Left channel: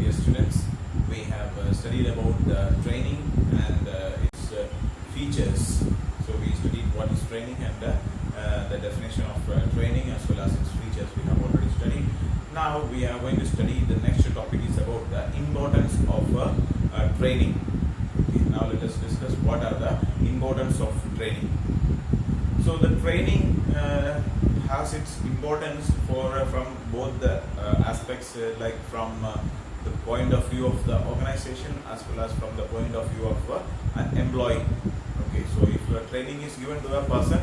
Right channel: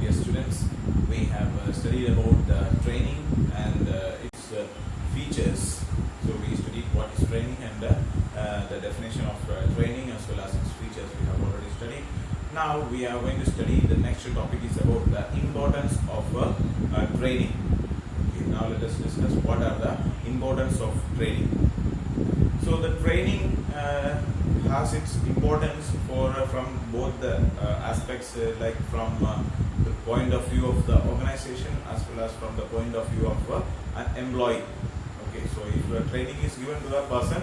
dear students, we have studied about training and its features. So we studied what is training and the definition of training as well as its features we have already studied. Now we are going to study the next topic is about the importance of training. Okay, now let us discuss what are the importance of training. So the training has its importance from both the aspects, like from the point of view of the organization as well as from the point of view of an employee. Okay, so if training is given to a person,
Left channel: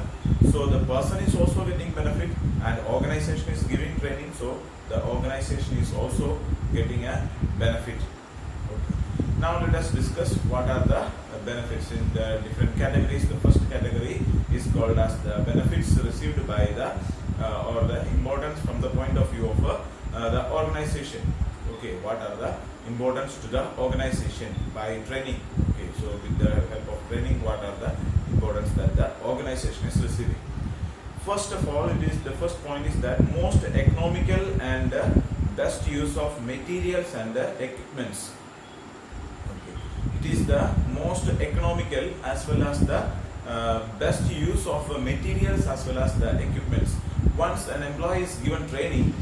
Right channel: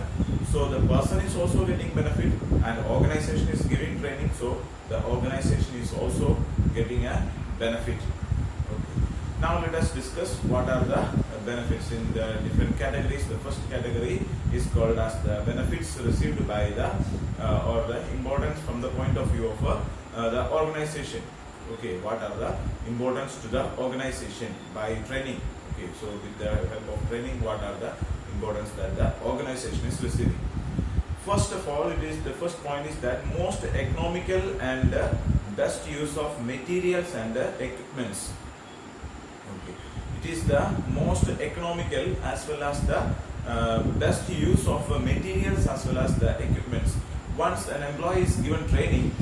so the person is also getting benefit, and organization is giving training, so the organization is also getting a benefit. Okay. Now let us discuss what are the benefits in the different categories. The first category is called as the benefits received by the or the importance from the point of view of the organization. Okay, what are the importance to the organization by training? Okay, so with the help of training, what are the importance that the organization is receiving? First of all, the first point is that most economical and best use of materials and equipments. It is the most economical as well as the best use of materials as well as the equipments. Once an employee is given training,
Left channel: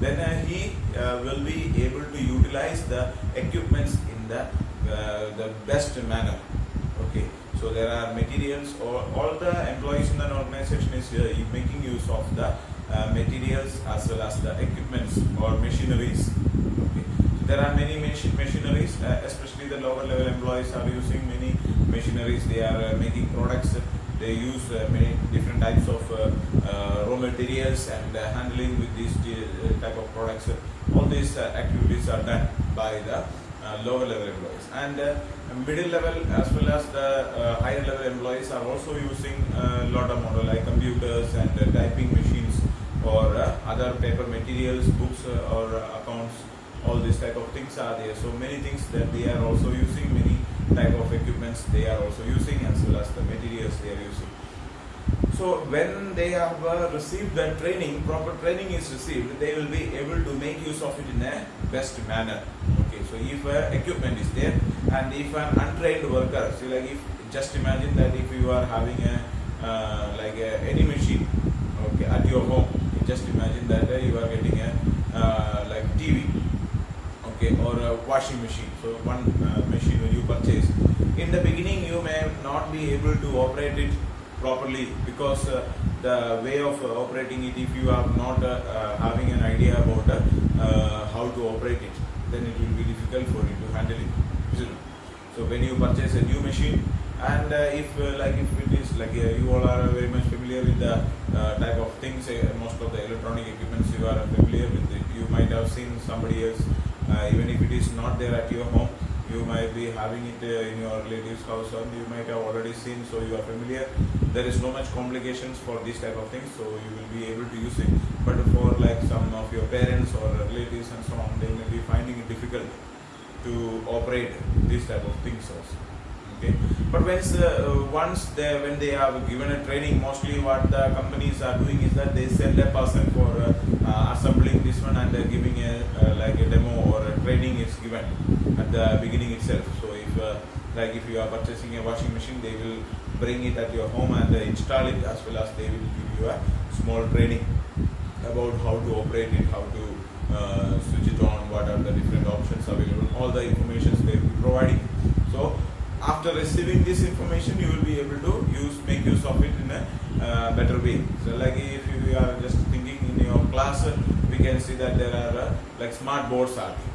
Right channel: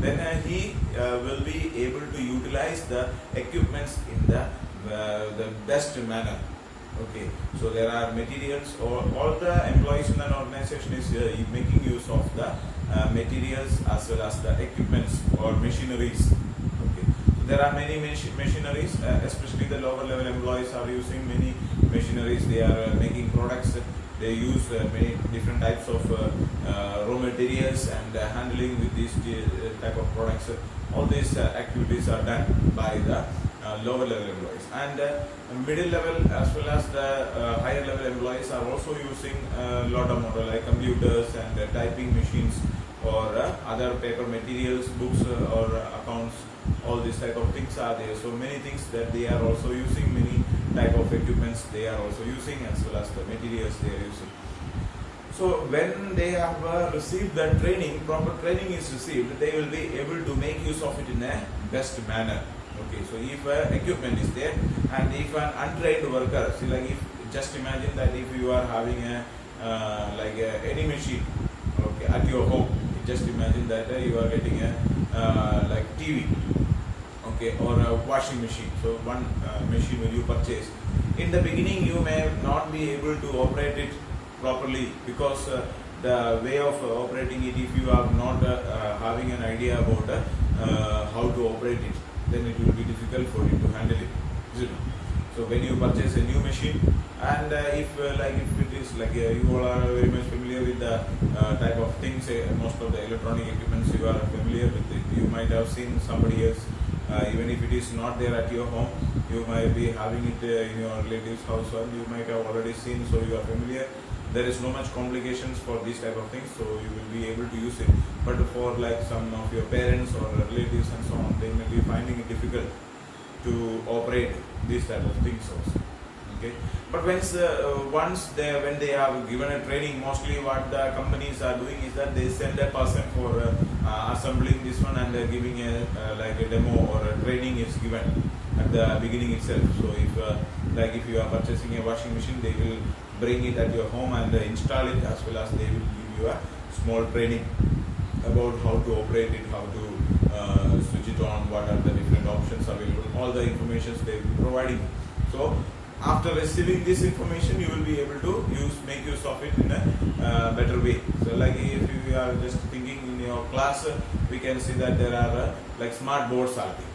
then he will be able to utilize the equipments in the best manner. Okay, so there are materials, or all the employees in an organization is making use of the materials as well as the equipments or machineries. Okay, there are many machineries, especially the lower level employees are using many machineries. They are making products. They use many different types of raw materials and handling with these type of products. All these activities are done by the lower level employees, and middle level as well as the higher level employees are also using a lot of model like computers and typing machines or other paper materials, books or accounts. All these type of things are there. So many things that they are also using, many type of equipments they are also using, as well as the materials they are using. So when they have received the training, proper training is received, they will be able to make use of it in a best manner. Okay, so if equipment is there, and if an untrained worker, see, like if just imagine that if you are having any machine, okay, at your home, just imagine that you are getting a like TV, okay, or a washing machine. So one machine when you purchase, in the beginning you may not be able to operate it properly, because the way of operating it, if you are not having an idea about how to operate it, then it will be difficult for you to handle it, isn't it? So when you purchase a new machine, and if it is like you all are very much familiar with the type of things, most of the electronic equipments you are familiar with it. You might have seen somebody else, even if it is not there at your home, you might be having it in your relative's house, or you might have already seen, so you are familiar. There is no much complications for these type of things, so you will be able to use it. But for like some of your parents or relatives and so on, they may be finding it difficult to operate these type of things also. Okay, but when they have given a training, mostly what the companies are doing is that they send a person for assembling this one and giving like a demo or a training is given at the beginning itself. So if you are purchasing a washing machine, they will bring it at your home and install it, as well as they will give you a small training about how to operate it, how to switch it on, what are the different options available, all the information they will be providing. So after receiving this information, you will be able to make use of it in a better way. So like if you are just thinking in your class, we can see that there are like smart boards are there.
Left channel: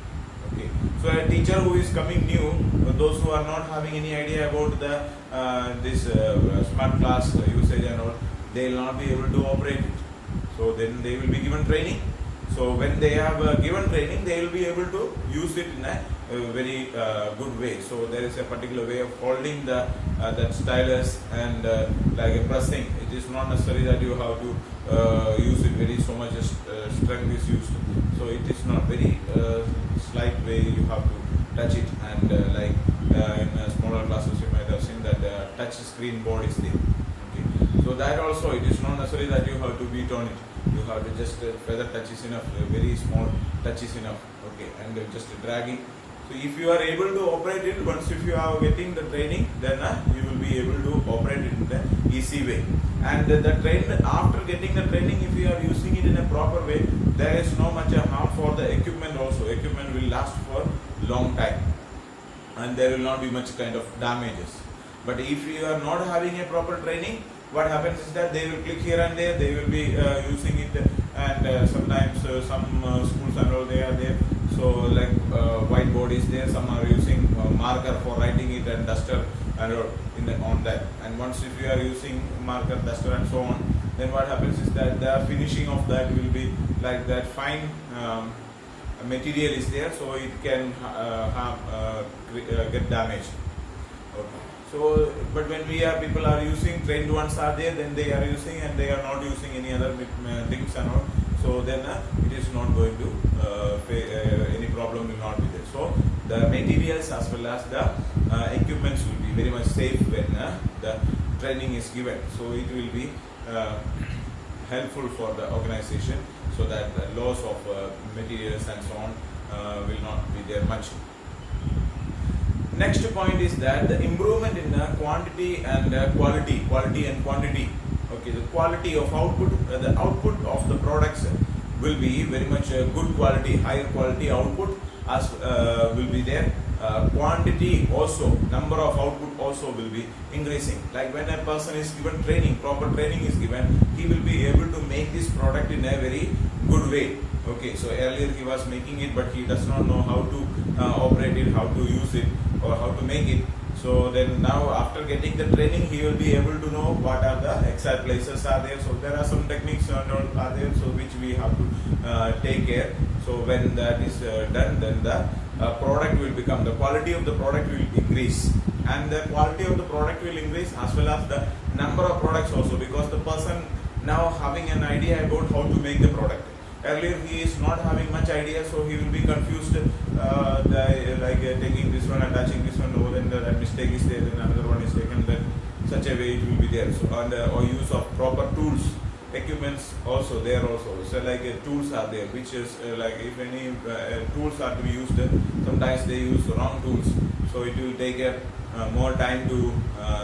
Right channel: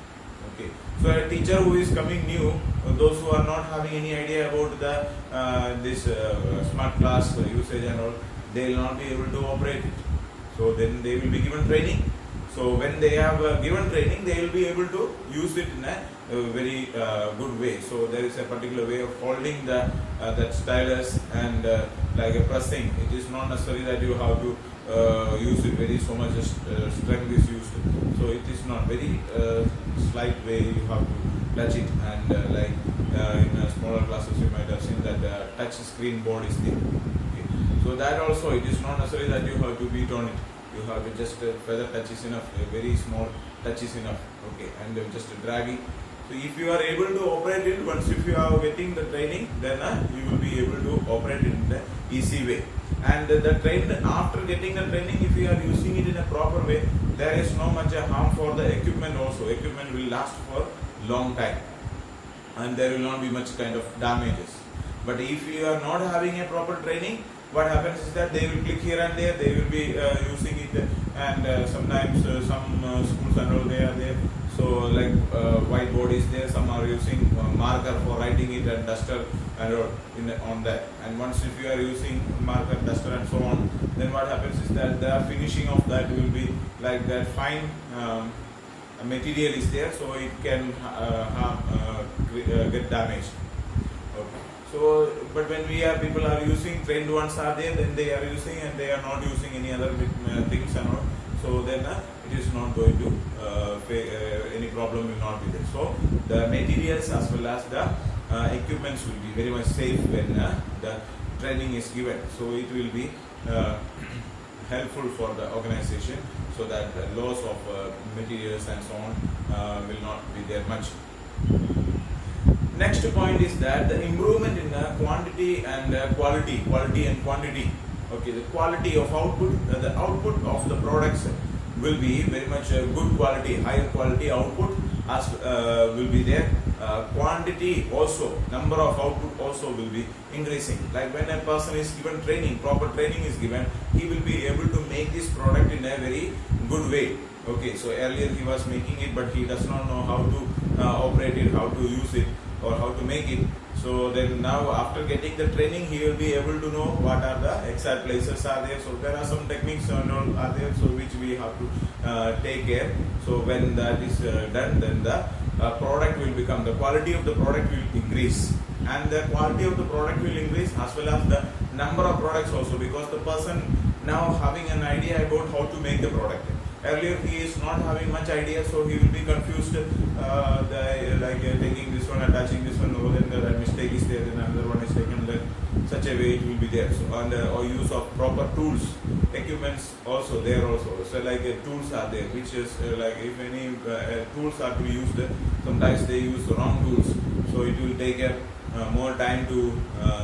Okay, so a teacher who is coming new, those who are not having any idea about the this smart class usage and all, they will not be able to operate it. So then they will be given training. So when they have given training, they will be able to use it in a very good way. So there is a particular way of holding that stylus and like a pressing. It is not necessary that you have to use it very so much strength is used. So it is not very slight way you have to touch it, and in smaller classes you might have seen that the touch screen board is there. Okay. So that also, it is not necessary that you have to beat on it. you have to just feather touch is enough, a very small touch is enough, okay, and just dragging. So if you are able to operate it, once if you are getting the training, then you will be able to operate it in the easy way. And the train, after getting the training, if you are using it in a proper way, there is no much harm for the equipment also. Equipment will last for long time and there will not be much kind of damages. But if you are not having a proper training, what happens is that they will click here and there, they will be using it, and sometimes some schools and all, they are there. So like whiteboard is there, some are using marker for writing it and duster and on that. And once if you are using marker, duster and so on, then what happens is that the finishing of that will be like that fine material is there, so it can get damaged. Okay. So, but when people are using, trained ones are there, then they are using and they are not using any other things and all. So then it is not going to, any problem will not be there. So the materials as well as the equipments will be very much safe when the training is given. So it will be helpful for the organization, so that the loss of materials and so on will not be there much. Next point is that the improvement in the quantity and quality and quantity. Okay, the quality of output, the output of the products will be very much good quality, higher quality output as will be there. Quantity also, number of output also will be increasing. Like when a person is given training, proper training is given, he will be able to make this product in a very good way. Okay, so earlier he was making it, but he does not know how to operate it, how to use it, or how to make it. So then now after getting the training, he will be able to know what are the exact places are there. So there are some techniques are there, so which we have to take care. So when that is done, then the product will become, the quality of the product will increase, and the quality of the product will increase as well as the number of products also, because the person now having an idea about how to make the product. Earlier he is not having much idea, so he will be confused, taking this one, attaching this one, oh, then that mistake is there, then another one is taken, then such a way it will be there. So, and or use of proper tools, equipments also there also. So like tools are there, which is like if any tools are to be used, sometimes they use the wrong tools, so it will take more time to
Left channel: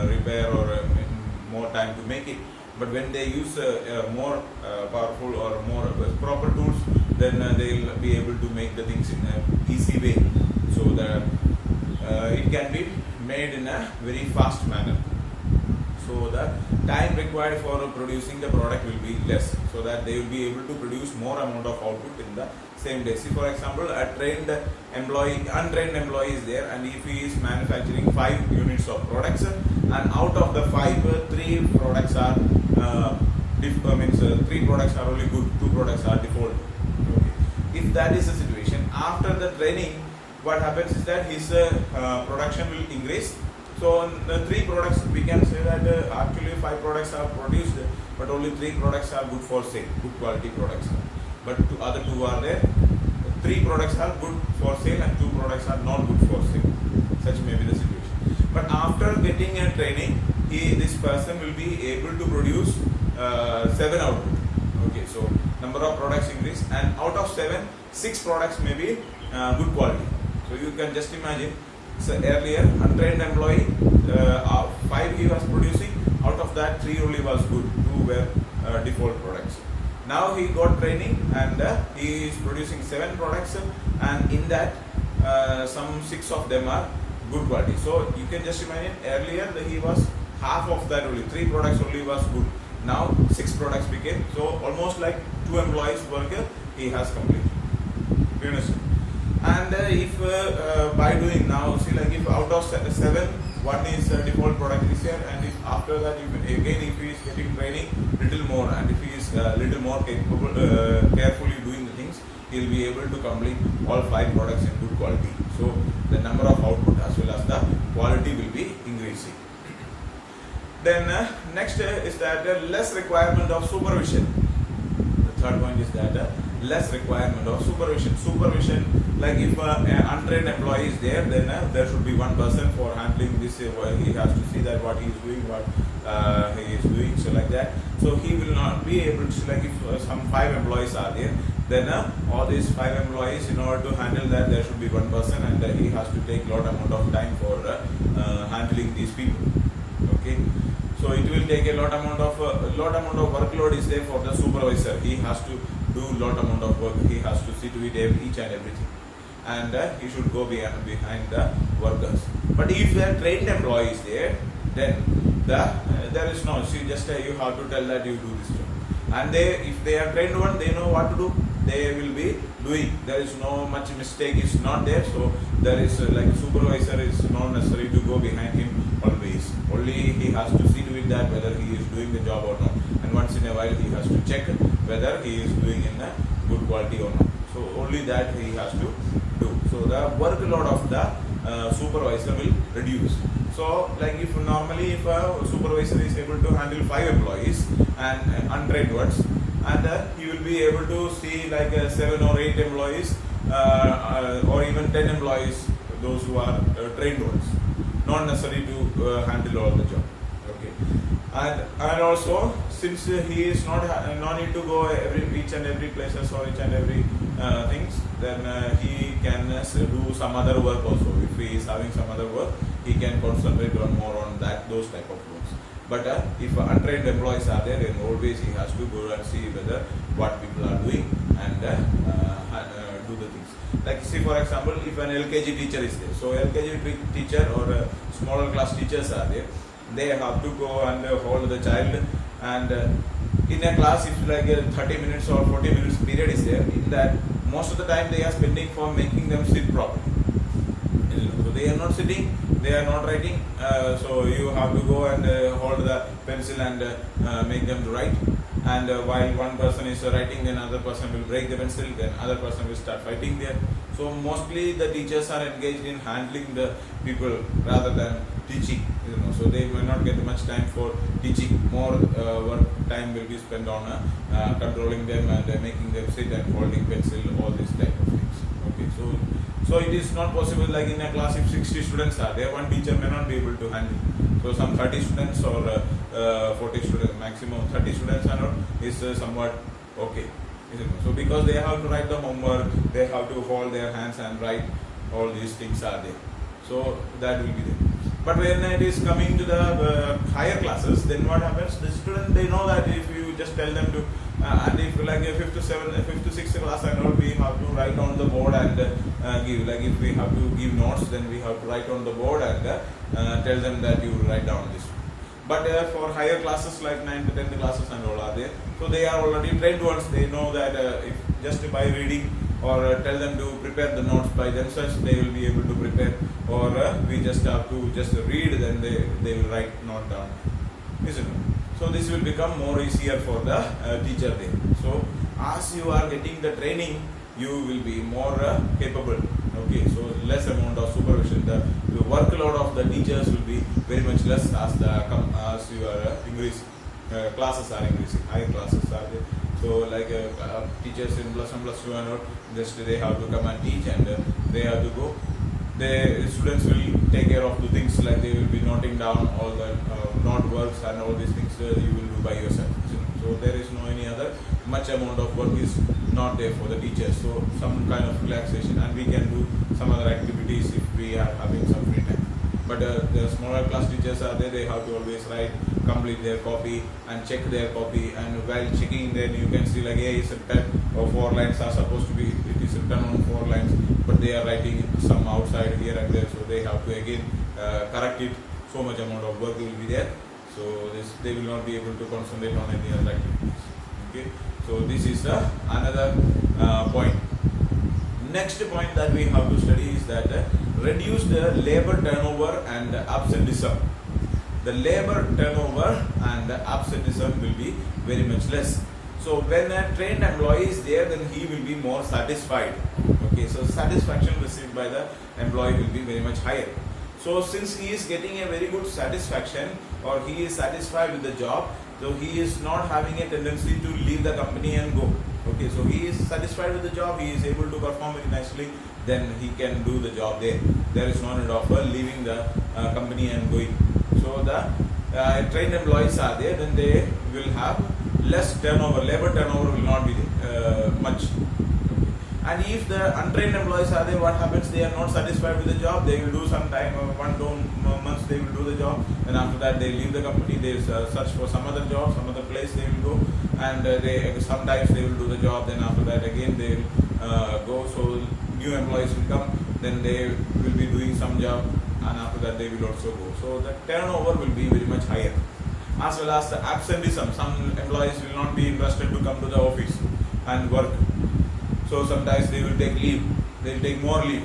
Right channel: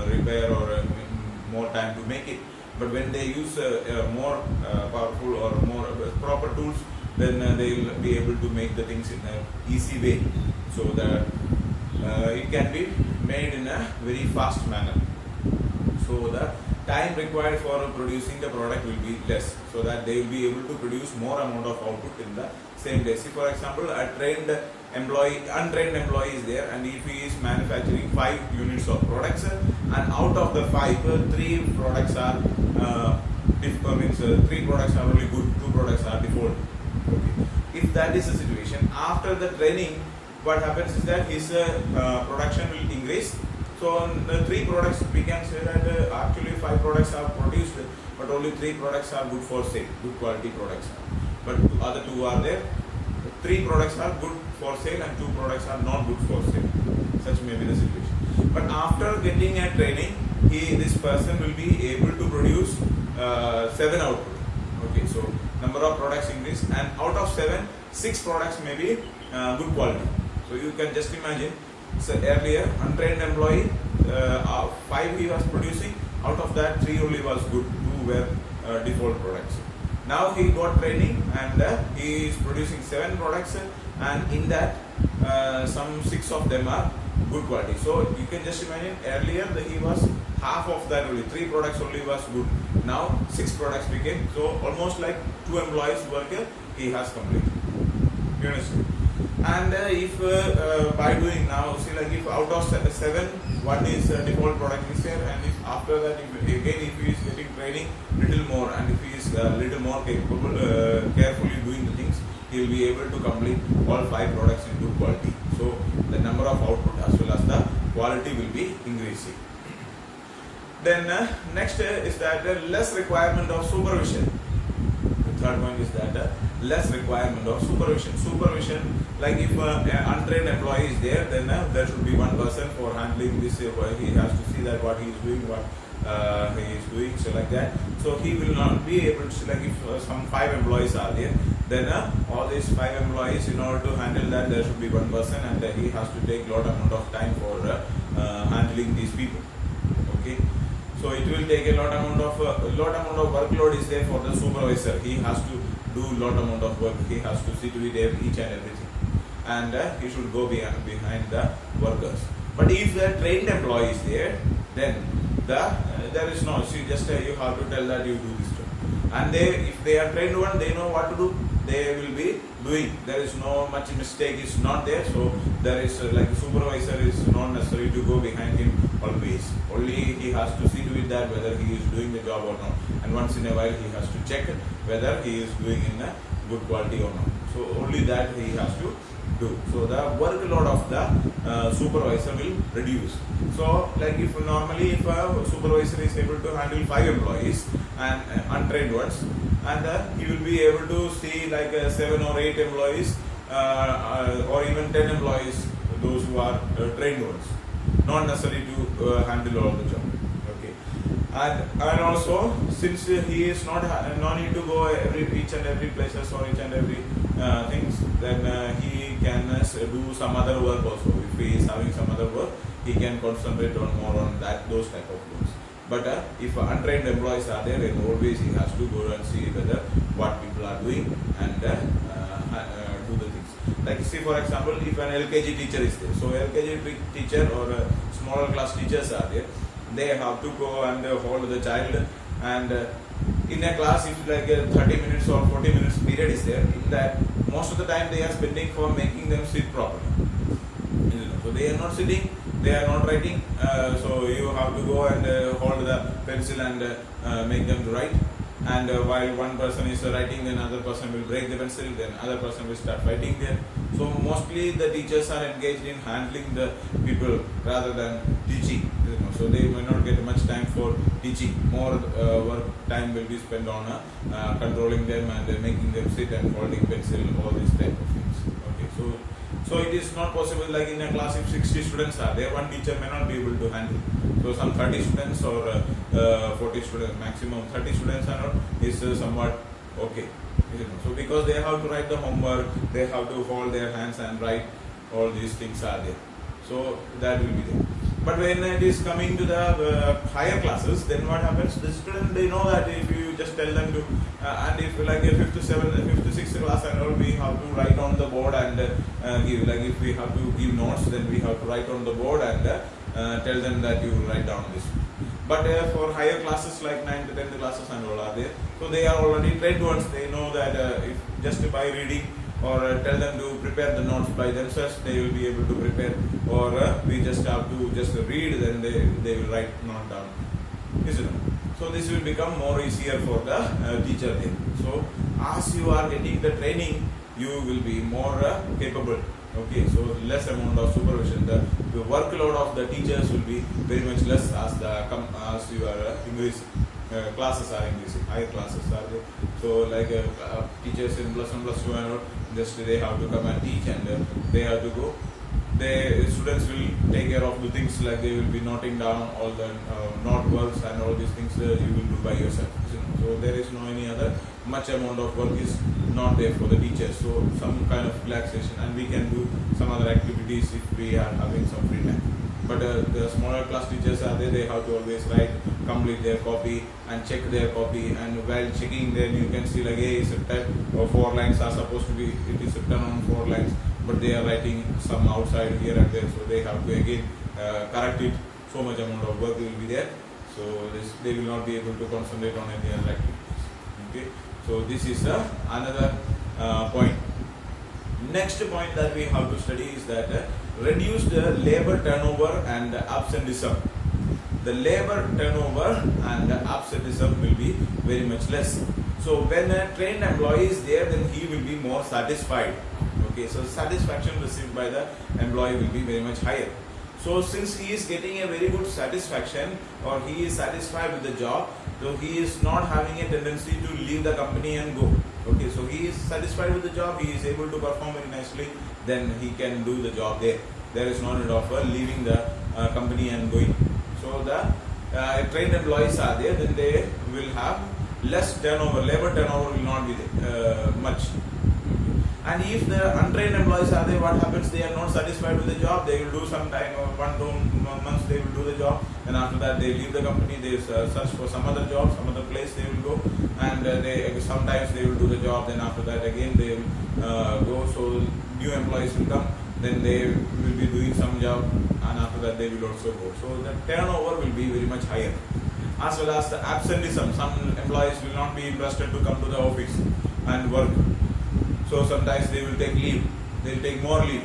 repair or more time to make it. But when they use more powerful or more proper tools, then they will be able to make the things in an easy way, so that it can be made in a very fast manner. So the time required for producing the product will be less, so that they will be able to produce more amount of output in the same day. See, for example, a trained employee, untrained employee is there, and if he is manufacturing 5 units of products, and out of the 5, 3 products are 3 products are only good, 2 products are default. Okay. If that is the situation, after the training, what happens is that his production will increase. So on the 3 products, we can say that actually 5 products are produced, but only 3 products are good for sale, good quality products. But other 2 are there. 3 products are good for sale and 2 products are not good for sale. Such may be the situation. But after getting a training, this person will be able to produce 7 output. Okay, so number of products increase, and out of 7, 6 products may be good quality. So you can just imagine. So earlier, untrained employee, 5 he was producing, out of that 3 only was good, 2 were default products. Now he got training and he is producing 7 products, and in that some 6 of them are good quality. So you can just imagine, earlier he was half of that only, 3 products only was good. Now 6 products became, so almost like 2 employees work he has completed. You understand? And if by doing now, see, like if out of 7, 1 is default product is here, and if after that, if he is getting training little more, and if he is little more capable, carefully doing the things, he will be able to complete all 5 products in good quality. So the number of output as well as the quality will be increasing. Then next is that less requirement of supervision. The third point is that less requirement of supervision. Supervision, like if an untrained employee is there, then there should be one person for handling this. He has to see that what he is doing, what he is doing, so like that. So he will not be able to, like if some 5 employees are there, then all these 5 employees, in order to handle that, there should be one person, and he has to take lot amount of time for handling these people. Okay, so it will take a lot amount of workload is there for the supervisor. He has to do lot amount of work. He has to see to it each and everything, and he should go behind the workers. But if the trained employee is there, then there is no. See, just you have to tell that you do this job, and if they are trained one, they know what to do. They will be doing. There is no much mistake is not there. So there is like supervisor is not necessary to go behind him always. Only he has to see to it that whether he is doing the job or not. And once in a while he has to check whether he is doing in a good quality or not. So only that he has to do. So the workload of the supervisor will reduce. So like if normally if a supervisor is able to handle 5 employees and untrained ones, and he will be able to see like 7 or 8 employees or even 10 employees, those who are trained ones, not necessary to handle all the job. Okay, and also since he is not no need to go each and every places or each and every things, then he can do some other work also. If he is having some other work, he can concentrate on more on those type of works. But if untrained employees are there, then always he has to go and see whether what people are doing and do the things. Like see, for example, if an LKG teacher is there, so LKG teacher or smaller class teachers are there, they have to go and hold the child, and in a class if like a 30 minutes or 40 minutes period is there, in that most of the time they are spending for making them sit properly. So they are not sitting, they are not writing, so you have to go and hold the pencil and make them to write. And while one person is writing, then another person will break the pencil, then other person will start fighting there. So mostly the teachers are engaged in handling the people rather than teaching. So they may not get much time for teaching. More work time will be spent on controlling them and making them sit and holding pencil, all these type of things. Okay, so it is not possible like in a class if 60 students are there, one teacher may not be able to handle. So some 30 students or 40 students, maximum 30 students are not, is somewhat okay. So because they have to write the homework, they have to hold their hands and write, all these things are there. So that will be there. But when it is coming to the higher classes, then what happens? The student, they know that if you just tell them to, and if like a 5th to 6th class and all, we have to write on the board and give. Like if we have to give notes, then we have to write on the board and tell them that you write down this. But for higher classes like 9th to 10th classes and all are there, so they are already trained ones. They know that if just by reading or tell them to prepare the notes by themselves, they will be able to prepare. Or we just have to just read, then they will write note down. Isn't it? So this will become more easier for the teacher there. So as you are getting the training, you will be more capable. Okay, so less amount of supervision. The workload of the teachers will be very much less as you are increasing. Classes are increasing, higher classes are there. So like teachers in plus 1 plus 2 and all, just they have to come and teach, and they have to go. The students will take care of the things, like they will be noting down all the note works and all these things you will do by yourself. So there is no any other much amount of work is not there for the teachers. So some kind of relaxation, and we can do some other activities if we are having some free time. But the smaller class teachers are there, they have to always write, complete their copy and check their copy, and while checking then you can see like A is a 10 or 4 lines are supposed to be, it is written on 4 lines, but they are writing some outside here and there, so they have to again correct it. So much amount of work will be there, so they will not be able to concentrate on any other activities. Okay, so this is another point. Next point that we have to study is that reduce the labor turnover and absenteeism. The labor turnover and absenteeism will be very much less. So when a trained employee is there, then he will be more satisfied. Okay, so satisfaction received by the employee will be very much higher. So since he is getting a very good satisfaction, or he is satisfied with the job, so he is not having a tendency to leave the company and go. Okay, so he is satisfied with the job, he is able to perform very nicely, then he can do the job there. There is no need of leaving the company and going. So the trained employees are there, then they will have less turnover, labor turnover will not be much. And if the untrained employees are there, what happens? They are not satisfied with the job. They will do some time, 1-2 months they will do the job, and after that they leave the company. They search for some other job, some other place they will go, and sometimes they will do the job. Then after that again they will go. So new employees will come. Then they will be doing some job, and after that they will also go. So the turnover will be very much higher. As well as the absenteeism. Some employees will not be interested to come to the office and work. So sometimes they will take leave. They will take more leave.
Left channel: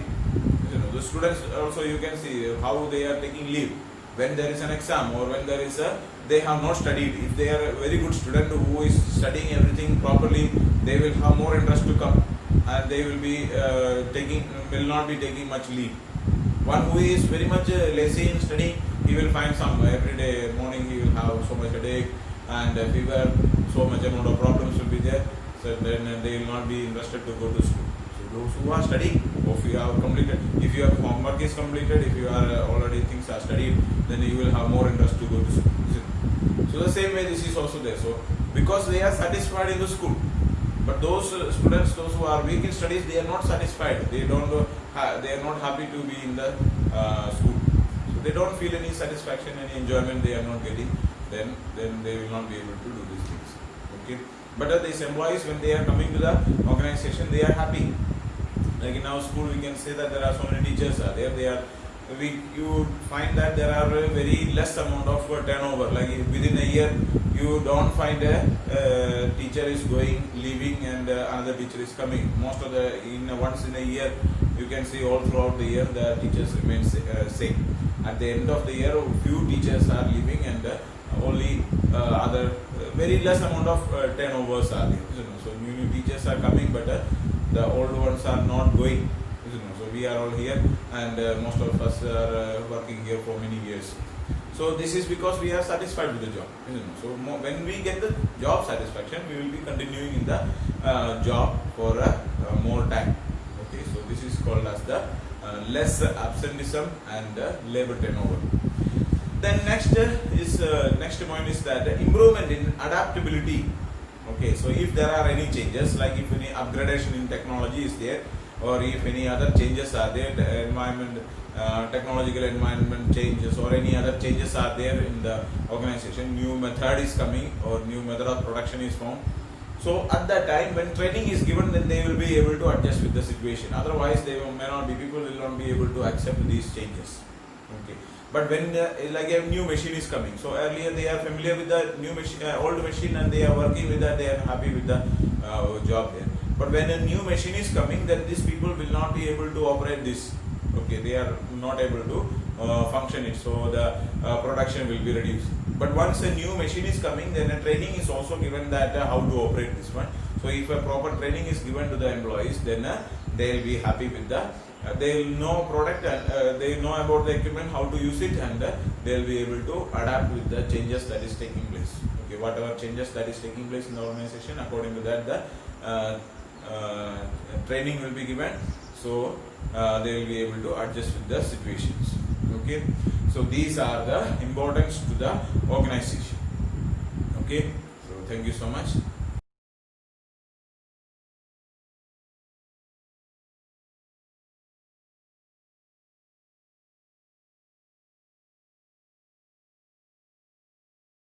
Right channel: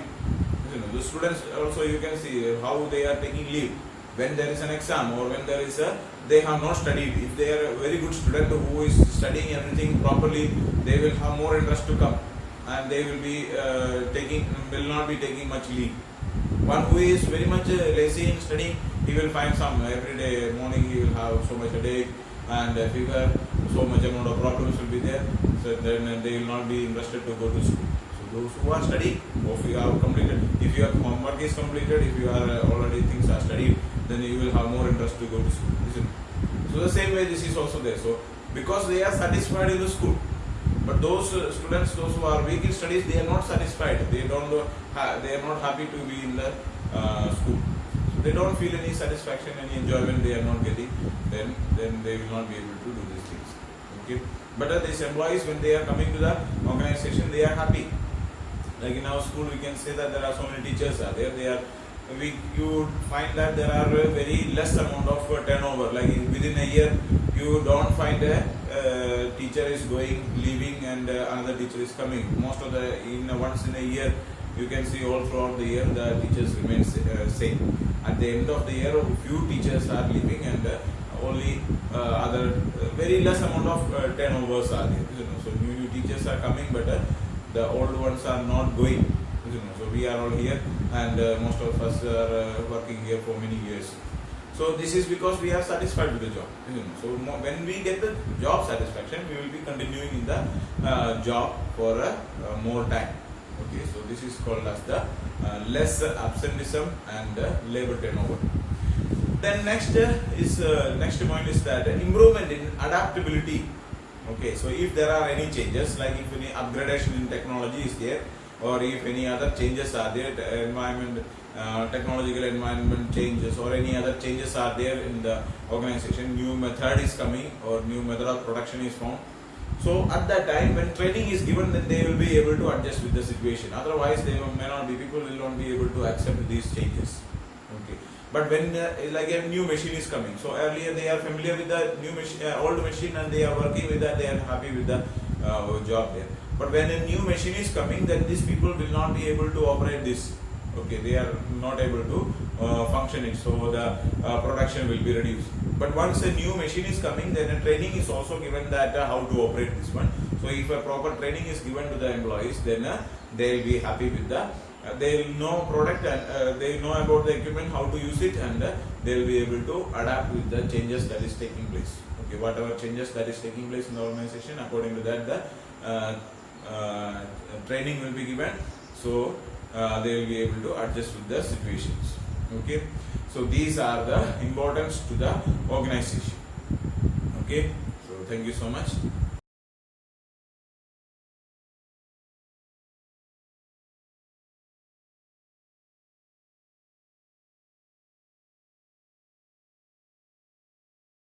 The students also, you can see how they are taking leave when there is an exam or when there is they have not studied. If they are a very good student who is studying everything properly, they will have more interest to come, and they will be will not be taking much leave. One who is very much lazy in studying, he will find some every day morning he will have so much headache and fever, so much amount of problems will be there. So then they will not be interested to go to school. So those who are studying, or if you have completed, if your homework is completed, if you are already things are studied, then you will have more interest to go to school. So the same way this is also there. So because they are satisfied in the school, but those students, those who are weak in studies, they are not satisfied. They don't. They are not happy to be in the school. So they don't feel any satisfaction, any enjoyment. They are not getting. Then they will not be able to do these things. Okay. But these employees, when they are coming to the organization, they are happy. Like in our school, we can say that there are so many teachers are there. You find that there are very less amount of turnover. Like within a year, you don't find a teacher is going, leaving, and another teacher is coming. Most of once in a year, you can see all throughout the year the teachers remain same. At the end of the year, few teachers are leaving, and only other very less amount of turnovers are there. So new teachers are coming, but the old ones are not going. So we are all here, and most of us are working here for many years. So this is because we are satisfied with the job. So when we get the job satisfaction, we will be continuing in the job for more time. Okay, so this is called as the less absenteeism and labor turnover. Then next point is that improvement in adaptability. Okay, so if there are any changes, like if any upgradation in technology is there, or if any other changes are there, the environment, technological environment changes, or any other changes are there in the organization, new method is coming or new method of production is found. So at that time, when training is given, then they will be able to adjust with the situation. Otherwise, people will not be able to accept these changes. Okay. But when like a new machine is coming, so earlier they are familiar with the new machine, old machine, and they are working with that, they are happy with the job there. But when a new machine is coming, then these people will not be able to operate this. Okay, they are not able to function it, so the production will be reduced. But once a new machine is coming, then a training is also given that how to operate this one. So if a proper training is given to the employees, then they will be happy with the. They will know product, and they know about the equipment, how to use it, and they will be able to adapt with the changes that is taking place. Okay, whatever changes that is taking place in the organization, according to that, the training will be given. So they will be able to adjust with the situations. Okay, so these are the importance to the organization. Okay, so thank you so much.